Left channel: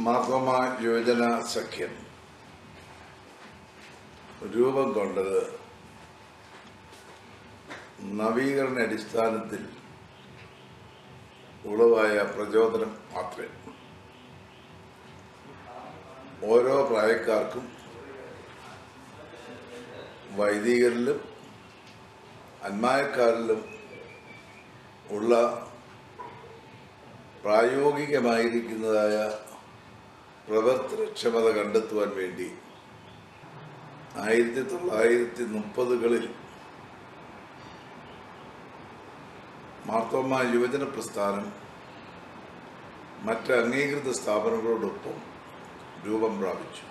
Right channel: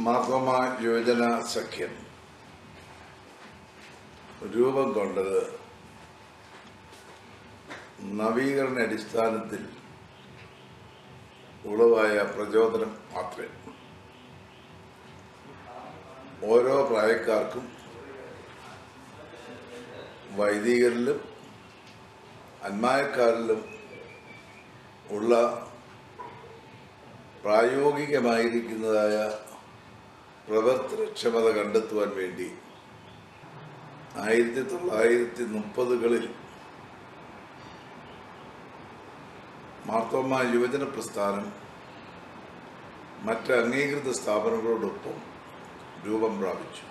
മാർത്തോമ യുവജന സഖ്യം രൂപം കൊണ്ടത് നവീകരണ അടിസ്ഥാനത്തിൽ ഉളവായ പ്രചോദനം മാത്രമേ. ഓരോ പ്രായക്കാർക്കും വൈദികരിലും അന്മായക്കാരിലും ഉള്ള പ്രായോഗികമായിരിക്കുന്നതായ പ്രവർത്തനക്ഷമത കണ്ടെത്തുവാൻ വേണ്ടി 1930കളിൽ മാർത്തോമ യുവജന പ്രസ്ഥാനം മറ്റ് അംഗീകൃത സ്ഥാപനങ്ങളോടൊപ്പം രൂപം പ്രാപിച്ചു.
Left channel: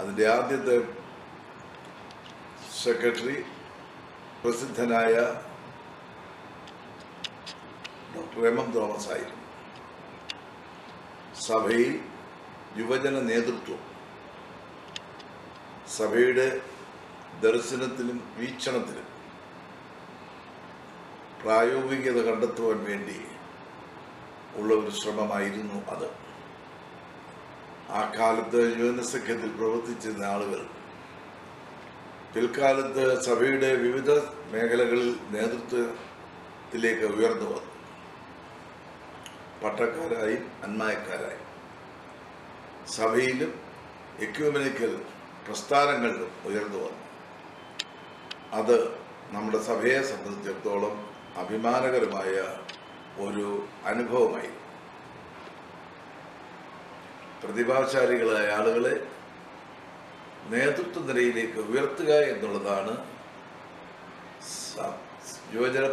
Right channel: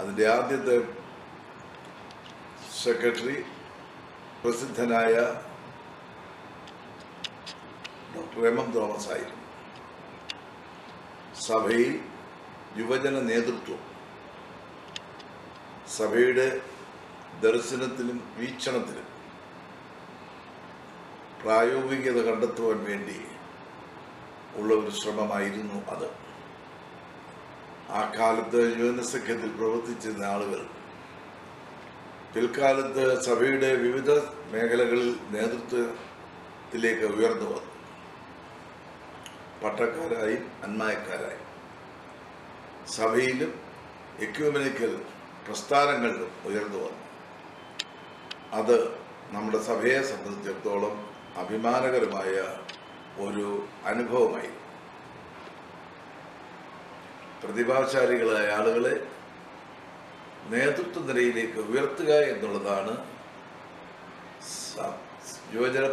അതിൻ്റെ ആദ്യത്തെ സെക്രട്ടറി പ്രസിദ്ധനായ ഡോക്ടർ എം തോമസ് ആയിരുന്നു. സഭയിൽ യുവജന നേതൃത്വം സഭയുടെ ദർശനത്തിലും വീക്ഷണത്തിലും പ്രായോഗികത കണ്ടെത്തുവാൻ വേണ്ടി ഉള്ള ഒരു ശ്രമമായിരുന്നു അത്. ആ കാലത്ത് യുവജന സഖ്യത്തിൽ പ്രവർത്തിച്ചിരുന്ന ആളുകൾ പിൽക്കാലത്ത് സഭയുടെ വിവിധ മേഖലകളിൽ നേതൃത്വത്തിലേക്ക് ഉയർന്നു വന്നു. പട്ടക്കാരായും അന്മായക്കാരായും സഭയിലും എക്യൂമെനിക്കൽ പ്രസ്ഥാനങ്ങളിലും ഉയർന്നു വന്നു. അത് നമ്മുടെ സഭയെ സംബന്ധിച്ചിടത്തോളം അഭിമാനകരമായ ഒരു അനുഭവമായി. പ്രതിഭാശാലികളായ ആളുകളെ നേതൃത്വ നിലയിലേക്ക് ഉയർത്തുക എന്നുള്ളതാണ് യുവജന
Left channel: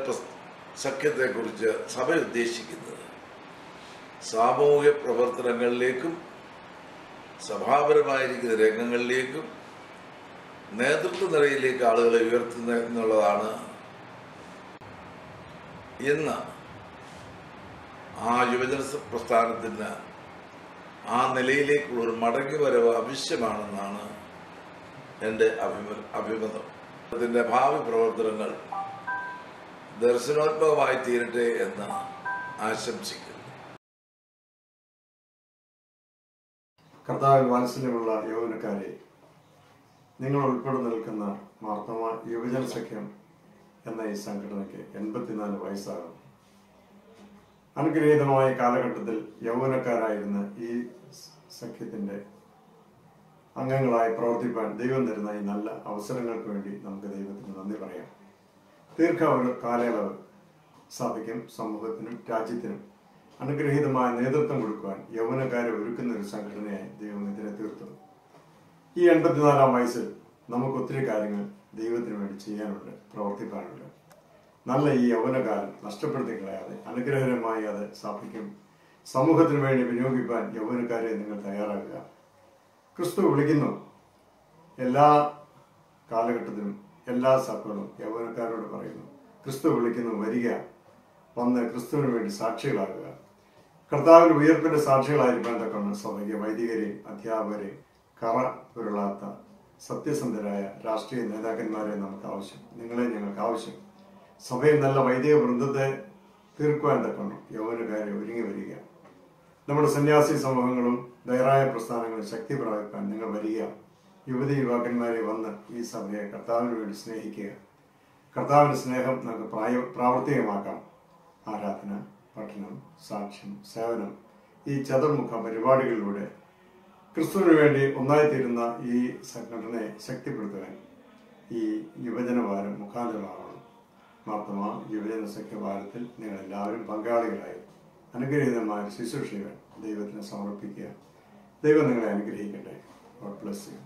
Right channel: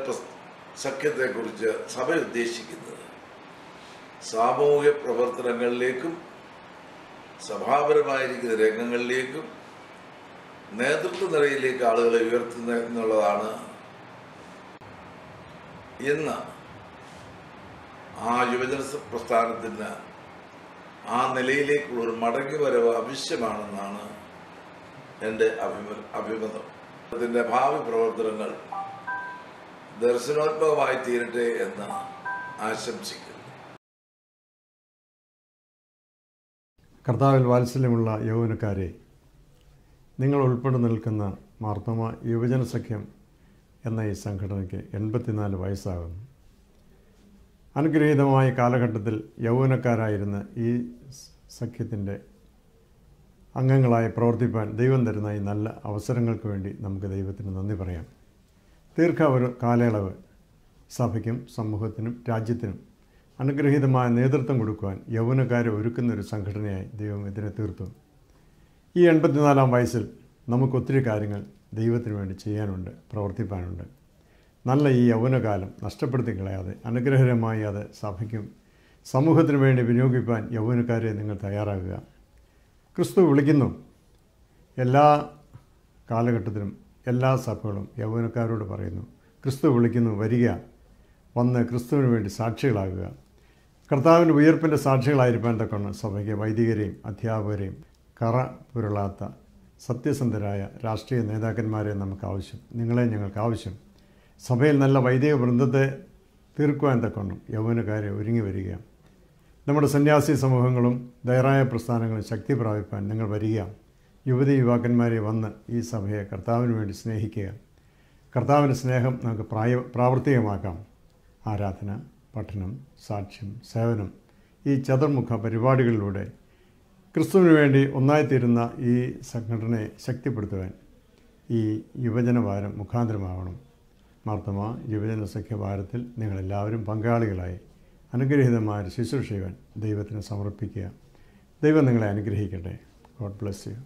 സഖ്യത്തെക്കുറിച്ച് സഭ ഉദ്ദേശിക്കുന്നത്. സാമൂഹ്യ പ്രവർത്തനങ്ങളിലേക്കും സഭാപരമായിരിക്കുന്ന രംഗങ്ങളിലേക്കും നേതൃത്വ നിലയിലേക്ക് ആളുകളെ ഉയർത്തുന്ന എന്നുള്ളതാണ്. ഇന്ന് ആ യുവജന പ്രസ്ഥാനത്തിന് ആ നിലയിലേക്കുള്ള ഒരു മടങ്ങിവരവ് ആവശ്യമാണെന്നാണ് എൻ്റെ അഭിമതം. അതിൻ്റെ ഭാവി പ്രവർത്തനങ്ങൾ ദർശനോത്മകമായി തീരട്ടെ എന്ന് ആശംസിക്കുന്നു. കർത്താവിൽ വാത്സല്യമുള്ള യൗവനക്കാരെ, നിങ്ങൾ ഉൾപ്പെടെ നിൽക്കുന്ന മാർത്തോമ യുവജന സഖ്യം എന്ന ഈ സംഘടനയ്ക്ക് 84 വയസ്സാകുന്നു. അനുഗ്രഹീതമായ കാലഘട്ടത്തിൽ യൗവനക്കാരായിരുന്ന ഈ സഖ്യത്തിൻ്റെ അംഗങ്ങളായി പ്രവർത്തിപ്പാൻ ദൈവം തരുന്ന ഈ നല്ല അവസരങ്ങൾക്ക് വേണ്ടി നമുക്ക് ദൈവത്തിന് നന്ദി പറയാം. കാലയളവ് സഭയ്ക്കും സമൂഹത്തിനും രാജ്യത്തിനും അനുഗ്രഹീതമായ നേതൃത്വം കൊടുക്കുവാൻ യൗവനക്കാരെ ഒരുക്കുന്ന ഒരു സംഘടനയായി ദൈവം ഇതിനെ തീർത്തു. ഈ 84-ാം വയസ്സിൽ നമുക്ക് ഒത്തിരി കാര്യങ്ങൾ ദൈവത്തിന് വേണ്ടി ചെയ്യാനുണ്ട്, പ്രവർത്തിപ്പാനുണ്ട്. നല്ല ഈ യൗവനകാലം നഷ്ടപ്പെടുത്തി കളയാതെ അനുഗ്രഹകരമായി അത് സഭയ്ക്കും സമൂഹത്തിനു വേണ്ടി വിനിയോഗിക്കാൻ യൗവനക്കാരെ നിങ്ങൾ തയ്യാറാകുക. ക്രിസ്തു വിളിക്കുന്നു. എല്ലാ കാലഘട്ടത്തിലും എല്ലാ സഭകളും യൗവനക്കാരോട് പറയുന്നു, ക്രിസ്തു വിളിക്കുന്നു, വരിക, വന്ന് ക്രിസ്തുവിന് വേണ്ടി സാക്ഷികളാകുക. കർത്താവിൻ്റെ ഉയർപ്പിൻ്റെ സാക്ഷികളായിരിക്കാൻ തക്കണം സഭയ്ക്ക് വൈദികരെയും അധ്യാപകരെയും കറ പുരളാത്ത സത്യസന്ധരായ രാഷ്ട്രീയ നേതാക്കന്മാരെ നമുക്ക് ആവശ്യം. നിങ്ങളെ ഞങ്ങൾക്ക് ആവശ്യം. സഭയിൽ നല്ല വൈദിക വൃന്ദത്തെ തീർക്കുവാൻ തക്കണം യൗവനക്കാരെ ഒരുങ്ങി വരിക. നമ്മുടെ സന്യാസി സമൂഹങ്ങളും ധൈറായ പ്രസ്ഥാനങ്ങളും ശക്തി പ്രാപിപ്പാൻ നിങ്ങൾ വരിക. യുവതി യുവാക്കന്മാരെ വന്ന് ഈ സഭയെ കർത്താവിന് വേണ്ടി സ്നേഹിക്കുക. കർത്താവിൻ്റെ സ്നേഹം നമുക്ക് പ്രാവർത്തികമാക്കാം. ആരാധന, പഠനം, സാക്ഷ്യം, സേവനം, ഈ ചതുർമുഖ പരിപാടികളിലൂടെ ക്രിസ്തുവിന് വേണ്ടി ഒന്നായിത്തീരുന്ന ഈ സംഘടനയെ ശക്തിപ്പെടുത്തുവാൻ ഈ യുവജനവാരം മുഖാന്തരമാകണം. മാർത്തോമ യുവജന സഖ്യവാരത്തിൽ നിങ്ങളെല്ലാവരും പങ്കാളികളായി അനുഗ്രഹീതമായ ശുശ്രൂഷകൾ ദൈവത്തിന് സമർപ്പിക്കുക. ദൈവം നിങ്ങളെ അനുഗ്രഹിക്കട്ടെ. God bless you.